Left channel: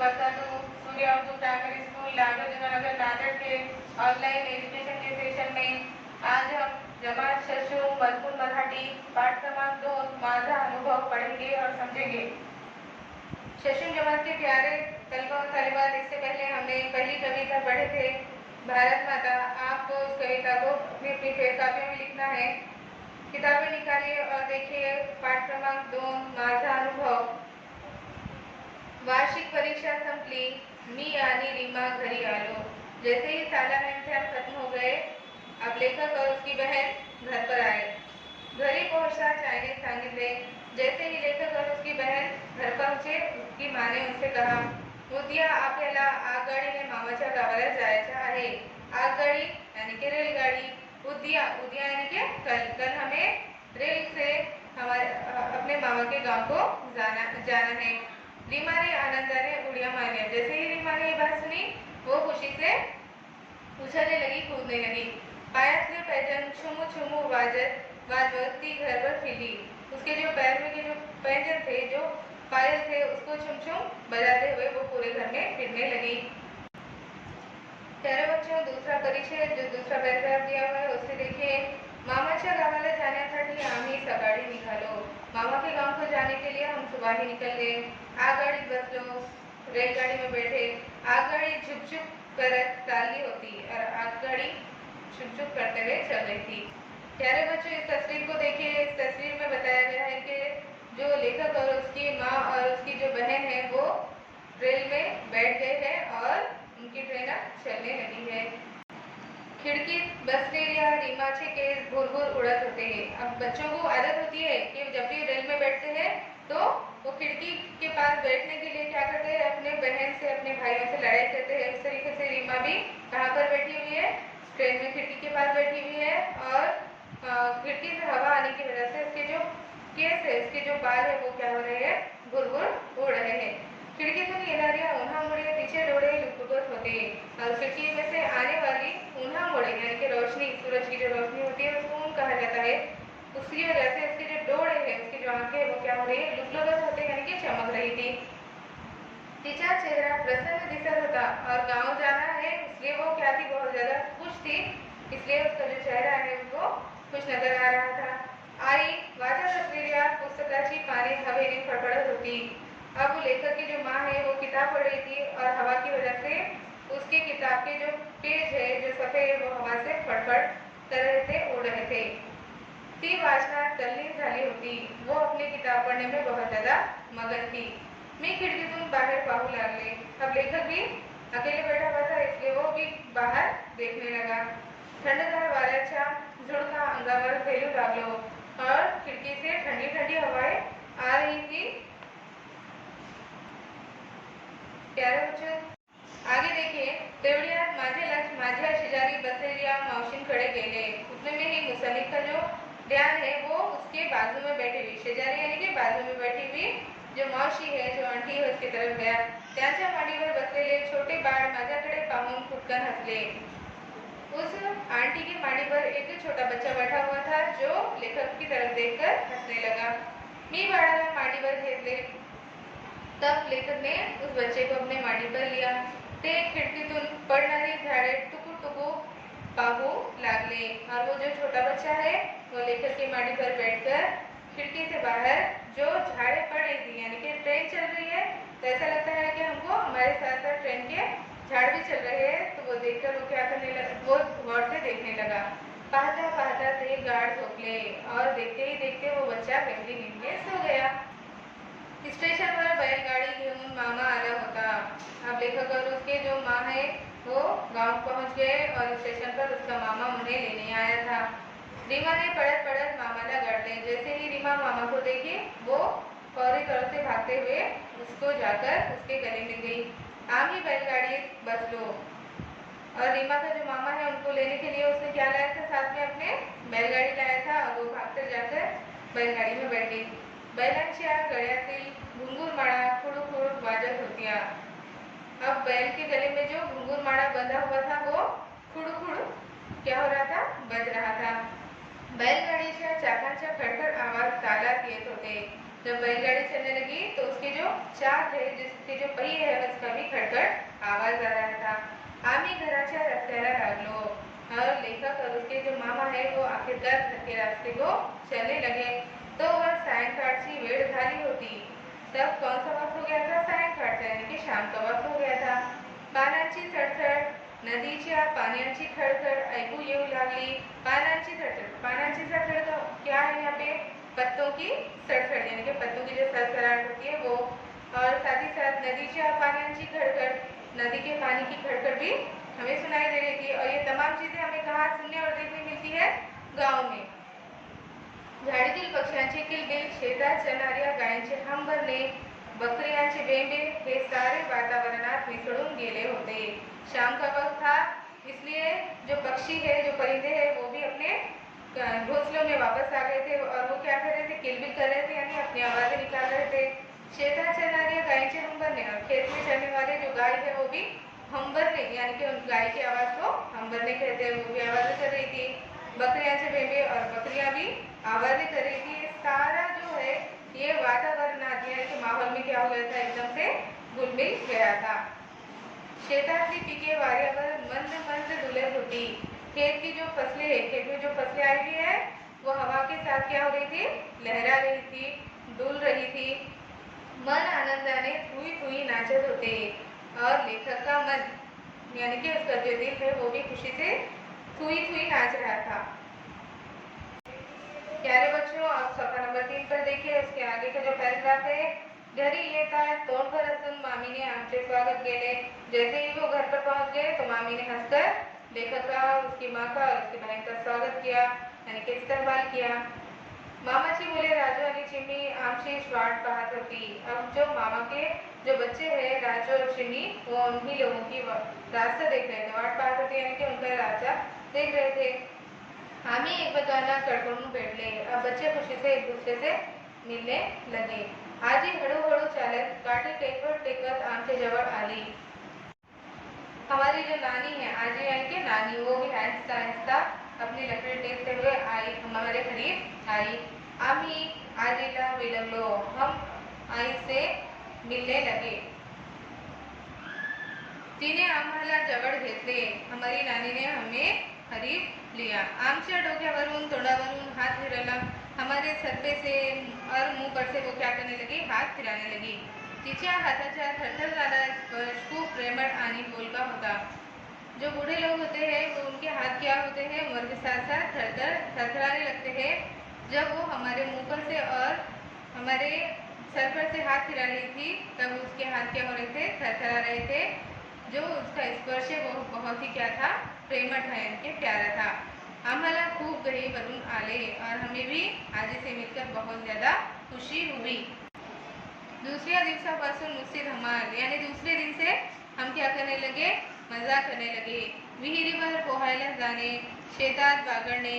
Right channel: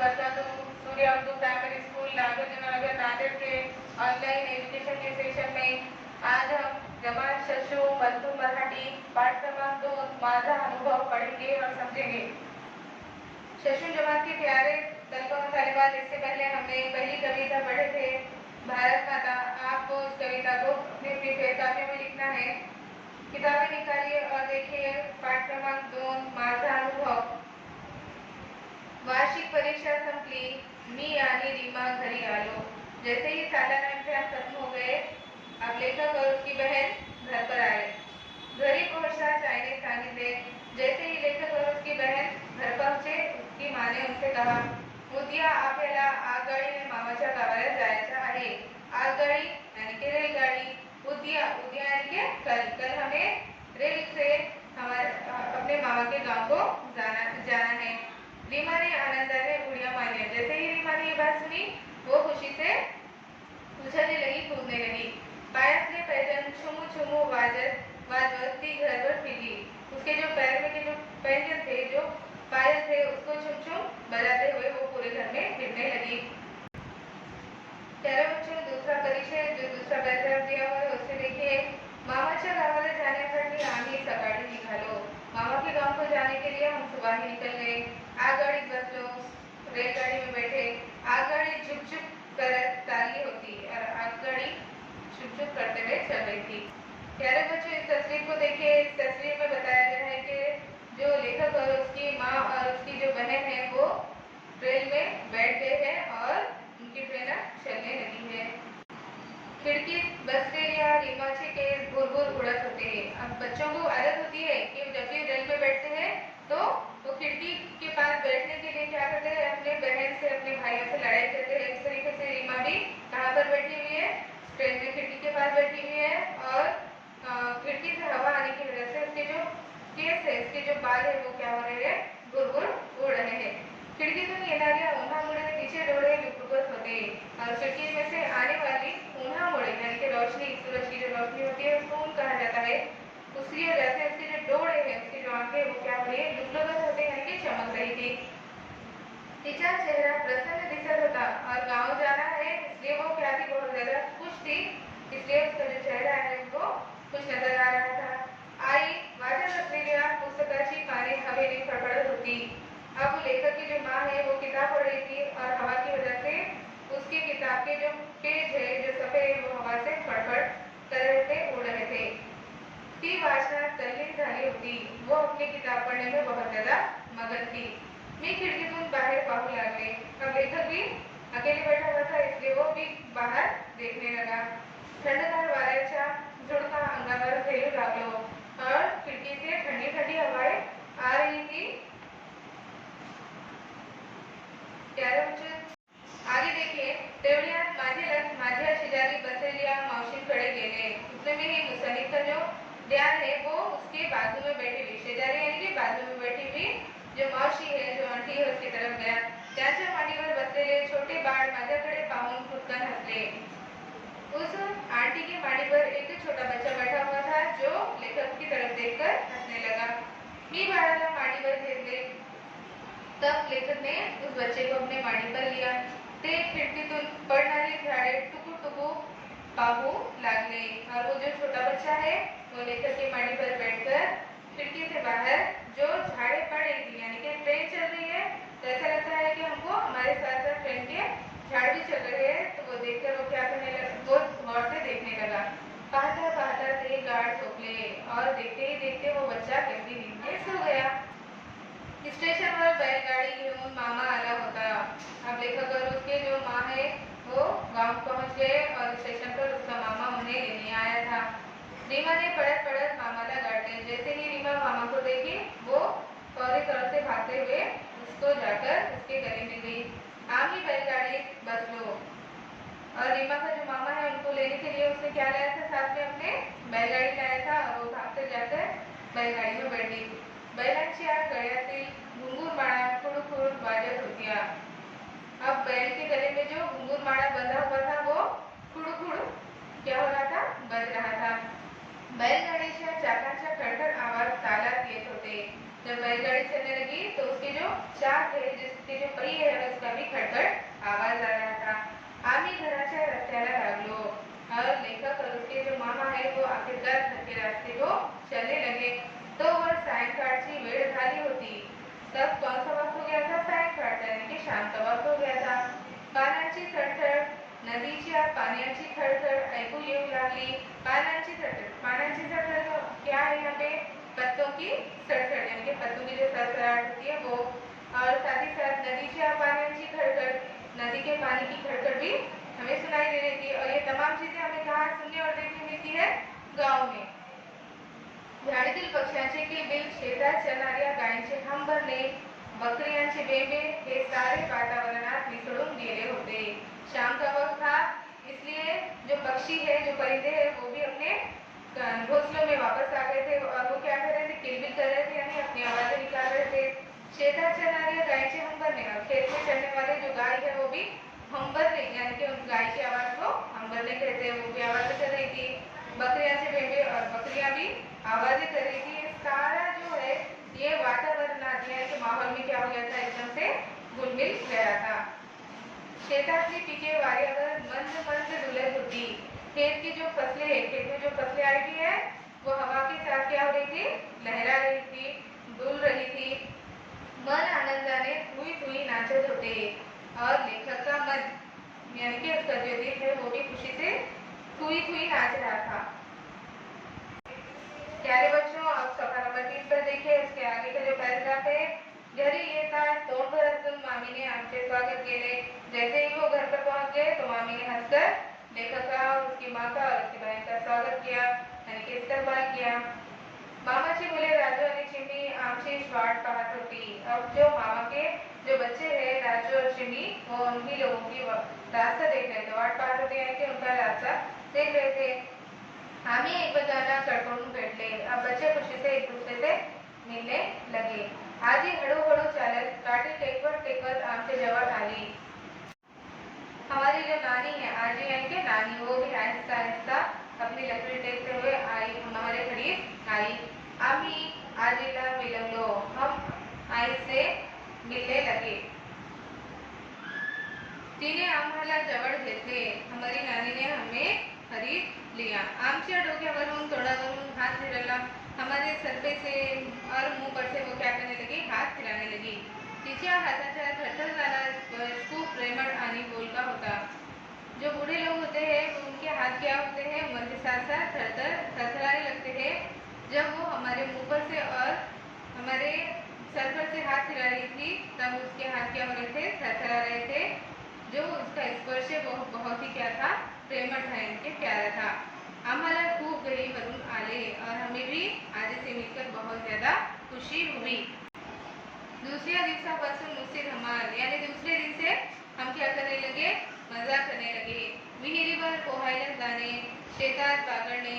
वरदातु सूर्य Urdu primary school नागार्जुननगर Nanded के online education के session में आज हम जमात शशु मजकूर मराठी पाठ क्रमांक 2 माझा अनुभव पढ़ेंगे और समझेंगे। शशु जमात के प्यारे तलबा और तालिबात, इससे पहले हमने पहली कविता पढ़े थे भारत माता। आपको उस कविता को अपनी अपनी किताबों में लिखना है। किताबें निकालिए और देखिए पाठ क्रमांक 2 माझा अनुभव। वार्षिक परीक्षा संपली, मी आणि रीमा घरी आलो। जैसे ही सालाना इम्तिहान खत्म हो गए, अब लेखक और उसकी बहन घर पर आए। घरी पहुंचना चायने सांगितले। जैसे ही लेखक और उसकी बहन घर पहुंचे, उसकी माँ ने उनसे कहा, उद्या आपल्याला आगगाडीने मामाच्या गावाला जायचं आहे। आगगाडी यानी कि रेलगाड़ी, उद्या उद्या यानी कि कल हमें रेल से हमारे अपने मामा के गांव को जाना है। रीमा ने आनंदाने उड़िया मारिया। जैसे ही रीमा ने ये बात सुनी, वो खुशी से उछलने लगी, कूदने लगी। पायातले पैजण छुमू छुमू वाजवत ती घरभर फिरली। उसके जो पैर में के जो पैंजन थे, जो पायल थे, उसको छुम छुम बजाते हुए वो पूरे घर में फिरने लगी। प्यारे बच्चों, दूसरा परिचय जो दूसरा पैराग्राफ दिया हुआ है उससे देखिए। मामाच्या गावाला जाण्यासाठी आम्ही सकाळी निघालो। मामा के गांव को जाने के लिए हम सुबह ही निकल गए। आगगाडीत बसलो, रेलगाड़ी में बैठे। आगगाड़ी झुक झुक कर चाली होती और आगगाड़ी झुक झुक करते हुए चल रही थी। प्यारे बच्चों, इस तस्वीर को देखिए। इस तस्वीर में बताया गया है कि जो लेखक और उसकी माँ और उसकी जो बहन है वो रेल में बैठ गए हैं और उनकी ट्रेन चलने लगी है। खिड़कीत बसलेल्या रीमाचे केस भुरभुर उड़त होते। अब बच्चों को आदत होती है कि जब भी रेल में बैठते हैं तो वो खिड़की के पास बैठने के लिए क्या करते हैं, अपने बहन से अपने भाइयों से लड़ाई करते हैं। इस तरीके से रीमा भी कहाँ पर बैठी हुई है, ट्रेन में खिड़की के पास बैठी हुई है और खिड़की से हवा आने की वजह से उसके जो केस है, उसके जो बाल है वो क्या हो रहे हैं, भुरभुर उड़ रहे हैं। खिड़कीतून येणाऱ्या उन्हामुळे तिचे डोळे लुकलुकत होते। खिड़की में से आने वाली उन्हामुळे यानी कि रोशनी, सूरज की जो रोशनी होती है उसको ऊन कहा जाता है। उसकी वजह से उसके जो डोळे हैं, उसकी जो आंखें वो क्या हो रही है, लुकलुकत होते यानी कि चमक रही थी। तिचा चेहरा प्रसन्न दिसत होता और गांव जाना है इसलिए वो क्या थी, बहुत ज्यादा खुश थी। इसलिए उसका जो चेहरा है वो खुश नजर आ रहा था। आई वाचत असलेल्या पुस्तकाची पाने हवेने फडफडत होती। अब लेखक की जो माँ है वो किताब पढ़ रही थी और हवा की वजह से उसके किताब के जो पेज है, जो सफेद, वो हवा से फड़फड़ कर रहे थे, उड़ रहे थे। ती वाचनात तल्लीन झाली होती। वो अपनी किताब पढ़ने में बहुत ज्यादा मगन थी। मैं खिड़कीतून बाहर पाहू लागले। अब लेखक भी अकेले बैठा हुआ था इसलिए वो भी बाहर देखने लगा। थंडगार वाऱ्याच्या झुळका अंगावर फेरू लागलो और खिड़की से ठंडी ठंडी हवाएं आ रही थी। प्यारे बच्चों, आगे देखिए। तेवढ्यात माझे लक्ष माझ्या शेजारी बसलेल्या मावशींकडे गेले। उतने में ही मुसन्निफ का जो ध्यान है वो उसके बाजू में बैठी हुई, शेजारी यानी कि बाजू में बैठी हुई जो मौसी है, जो आंटी है, उसकी तरफ गया। त्याच्या मांडीवर बसलेले छोटे बाळ माझ्याकडे पाहून फुटकन हंसले। उस आंटी की मांडी पर एक छोटा बच्चा बैठा हुआ था जो लेखक की तरफ देखकर हंसने लगा। मी बाळाला मांडीवर घेतले। तब लेखक ने उस बच्चे को अपने मांडी पर लिया। ते खिड़कीतून पडणारी झाडे टुकू टुकू पाहू लागले और वो जो छोटा बच्चा है वो लेखक की मांडी पर बैठकर खिड़की से बाहर जो झाड़े पड़ रही थी, यानी कि ट्रेन चल रही है तो ऐसा लगता है कि हमको हमारे साथ साथ ट्रेन के झाड़ भी चल रहे हैं, तो वो देखकर वो क्या करने लगा, वो गौर से देखने लगा। पाहता पाहता ते गाढ़ सोपले और देखते ही देखते वो बच्चा गहरी नींद में सो गया। स्टेशनवर बैलगाड़ी घेऊन मामा आला होता। अब लेखक और उसके जो माँ है वो गांव पहुंच गए और स्टेशन पर उसका मामा उन्हें लेने आया था। रीमा ने पड़त पड़त मामाला गाड़े। जैसे ही रीमा मामा को देखी वो फौरी तौर से भागते हुए उसको जाकर उसके गले मिल गई। आम ही बैलगाड़ी बसलो और रीमा का जो मामा है उनको लेने के लिए उसने क्या लाया था, साथ में अपने बैलगाड़ी लाया था और वो भागते जाकर बैलगाड़ी में बैठ गई। बैलांच्या गळ्यातील घुंगूरमाळा खुडखुड वाजत होत्या। अब बैल के गले में जो घुंगूरमाळा बंधा हुआ था वो खुडखुड क्या हो रहा था, बज रहा था। बैलगाड़ीच्या चाकांच्या खड़खड़ आवाज तालात येत होते। जब बैलगाड़ी चलने लगी तो उसके जो चाक है, जिसके जो पहिए बगी आहे उसका भी खडखड आवाज आ रहा था। आम्ही घराच्या रस्त्याला लागलो और लेखक और उसके जो मामा है वो आखिरकार घर के रास्ते को चलने लगे। तो वह सायंकाळची वेळ झाली होती। तब कौन सा वक्त हो गया था? सायंकाळचा यानी की शाम का वक्त हो गया था। पानांची सडसड, नदीच्या पाण्याची खडखड ऐकू येऊ लागली। पानांची सडसड, पानांची सडसड तो क्या है यहाँ पे? पत्तों की सड़सड़ यानी कि पत्तों की जो सरसराहट होती है वो, और साथ ही साथ नदीच्या पाण्याची खड़खड़, नदी के पानी की खड़खड़ भी हमें सुनाई दे रही थी। और ये तमाम चीजें हमें कहाँ सुनने और देखने मिलती है? गाँव में। झाडीतील पक्ष्यांचे किलबिल, शेतात चरणाऱ्या गायांचे हंबरणे, बकरियांचे बेंबे हे सारे वातावरणात मिसळून गेले होते। शाम का वक्त था, इसलिए जो पक्षी है, जो परिंदे हैं, वो भी अपने घोंसलों में वापस आ गए थे और वो क्या कर रहे थे? किलबिल कर रहे थे यानी अपनी आवाजें निकाल रहे थे। शेतात चरणाऱ्या गायचे हंबरने, और खेत में चरने वाले जो गाय है वो भी हंबरने यानी कि उन गाय की आवाज को हंबरने कहते हैं, वो भी आवाजें कर रही थी। बकरियां बेबे और बकरियां भी आवाजें कर रही थी। ये सारा जो है ये वातावरण यानी कि माहौल में क्या हो गया था? एकदम से घुलमिल गया था। शेतातली पिके वाऱ्यावर मंद मंद डुलत होती। खेत की जो फसलें है, खेत में जो फसलें आई हुई है वो हवा के साथ क्या हो रही थी? लहरा रही थी, डुल रही थी। मन आनंदाने थुई थुई नाचत होते और लेखक का मन यानी कि उसका जो दिल है वो भी खुशी से थुई थुई नाच रहा था। प्यारे बच्चों, आप सफा नंबर 3 पर देखिए, उसके आगे का जो पैराग्राफ है, घरी येताच तोंडभर हसून मामीने आमचे स्वागत केले। जैसे ही वो घर पर पहुंच गए तो मामी ने हंसकर लेखक का, उसकी माँ का और उसकी बहन का स्वागत किया यानी कि इस्तकबाल किया। मामाची मुले राजू आणि चिमणी आमची वाट पाहत होती। अब जो मामा के जो बच्चे हैं राजू और चिमनी, वो उन्हीं लोगों की रास्ता देख रहे थे, वाट पाहत होते यानी कि उनका रास्ता देख रहे थे। आम्ही एकमेकांना कडकडून भेटले। अब बच्चे खुशी से एक दूसरे से मिलने लगे। आजी हळूहळू चालत काठी टेकवत टेकवत आमच्या जवळ आली। हमारी जो नानी है, आजी यानी कि नानी, वो भी आहिस्ता आहिस्ता अपनी लकड़ी टेकते हुए आई, हमारे करीब आई। आम्ही आजीला मिलवलो, हम आई से मिलने लगे। तिने आम्हाला जवळ घेतले, हमारी नानी ने हमें करीब लिया। आमच्या डोक्यावरून तोंडावरून हात फिरवला, हमारे सर पे से और मुंह पर से वो क्या करने लगी? हाथ फिराने लगी। तिच्या हाताचा थरथर जाना स्पर्श खूप प्रेमळ आणि बोलका होता। जो बूढ़े लोग होते हैं तो उनके हाथ क्या होते हैं? उम्र के साथ साथ थरथराने लगते हैं। जब वो हमारे मुंह पर से और हमारे सर पर से हाथ फिरा रही थी तब उसके हाथ क्या हो रहे थे? थरथरा रहे थे। जो उसका स्पर्श है वो बहुत ही क्या था? प्रेमळ था, इनके प्यारा था। आम्हाला खूप घरी भरून आले और हमें भी आजी से मिलकर बहुत ज्यादा खुशी हुई। दूसऱ्या दिवसापासून नुसती धमाल यानी दूसरे दिन से हम क्या करने लगे? मजा करने लगे। विहिरीवर पोहायला जाणे, शेतात बागडणे,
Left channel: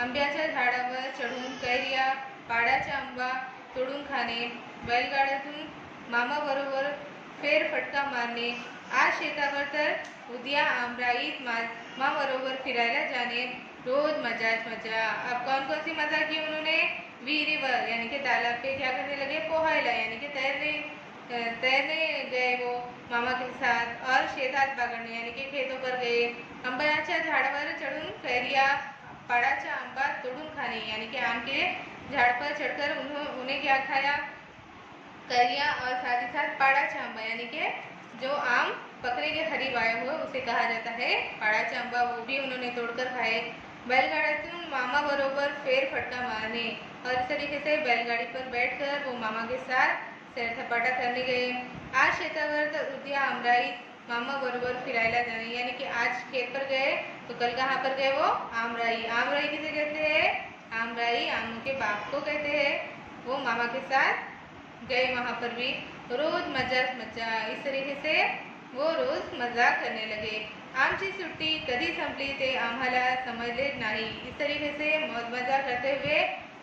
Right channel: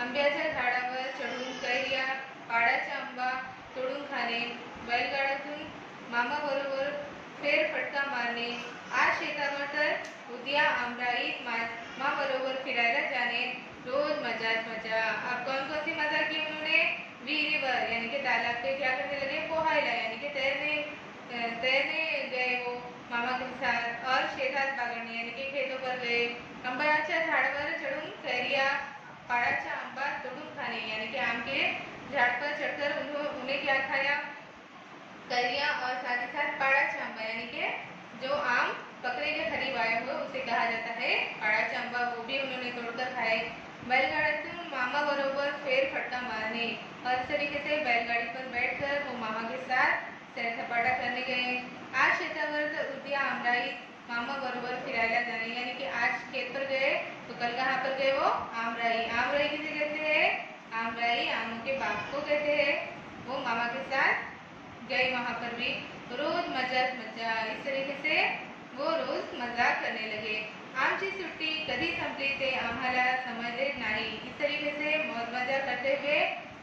आंब्याच्या झाडावर चढून कैऱ्या, पाडाचा आंबा तोडून खाणे, बैलगाड्यातून मामाबरोबर फेरफटका मारणे, आज शेतावर तर उद्या आमराईत मामाबरोबर फिरायला जाणे, रोज मजाच मजा। अब कौन कौन सी मजा की उन्होंने? विहिरीवर यानी कि तालाब पे क्या करने लगे? पोहायला यानी कि तैरने गए वो मामा के साथ, और शेतात बागडणे यानी कि खेतों पर गए, आंब्याच्या झाडावर चढ़ून कैरिया, पाड़ाचा आंबा तोड़ून खाने यानी कि आम के झाड़ पर चढ़कर उन्हें क्या खाया? कैरिया, और साथ ही साथ पाड़ाचा आंबा यानी कि जो आम पकने के करीब आया हो उसे कहा जाता है पाड़ाचा आंबा, वो भी उन्होंने तोड़कर खाए। बैलगाड्यातून मामा बरोबर फेरफटका मारने, और इस तरीके से बैलगाड़ी पर बैठकर वो मामा के साथ सैर सपाटा करने गए। आज शेतावर तर उद्या आमराईत मामा बरोबर फिरायला जाने यानी कि आज खेत पर गए तो कल कहाँ पर गए? वो आमराई। आमराई किसे कहते हैं? आमराई आम के बाप को कहते हैं। वो मामा के साथ गए वहाँ पर भी, रोज मजाच मजा। इस तरीके से वो रोज मजा करने लगे। आमची सुट्टी कधी संपली ते आम्हाला समजलेच नाही। इस तरीके से मौज मजा करते हुए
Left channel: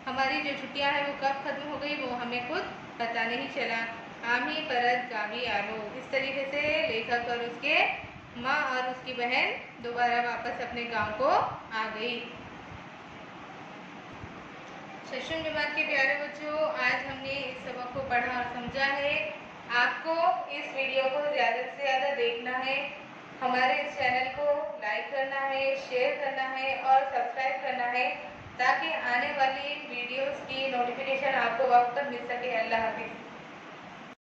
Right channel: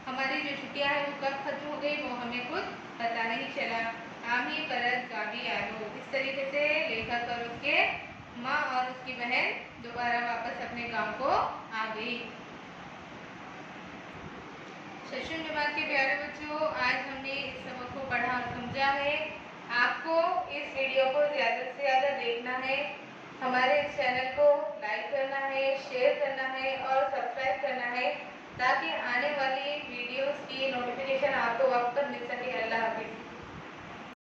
हमारी जो छुट्टियां हैं वो कब खत्म हो गई वो हमें खुद पता नहीं चला। आम्ही परत गावी आलो। इस तरीके से लेखक और उसके माँ और उसकी बहन दोबारा वापस अपने गांव को आ गई। सेशन दिमाग के प्यारे बच्चों, आज हमने इस सबक को पढ़ा और समझा है। आपको इस वीडियो को ज़्यादा से ज़्यादा देखना है, हमारे इस चैनल को लाइक करना है, शेयर करना है और सब्सक्राइब करना है, ताकि आने वाली वीडियोस की नोटिफिकेशन आपको वक्त पर मिल सके। अल्लाह हाफिज़।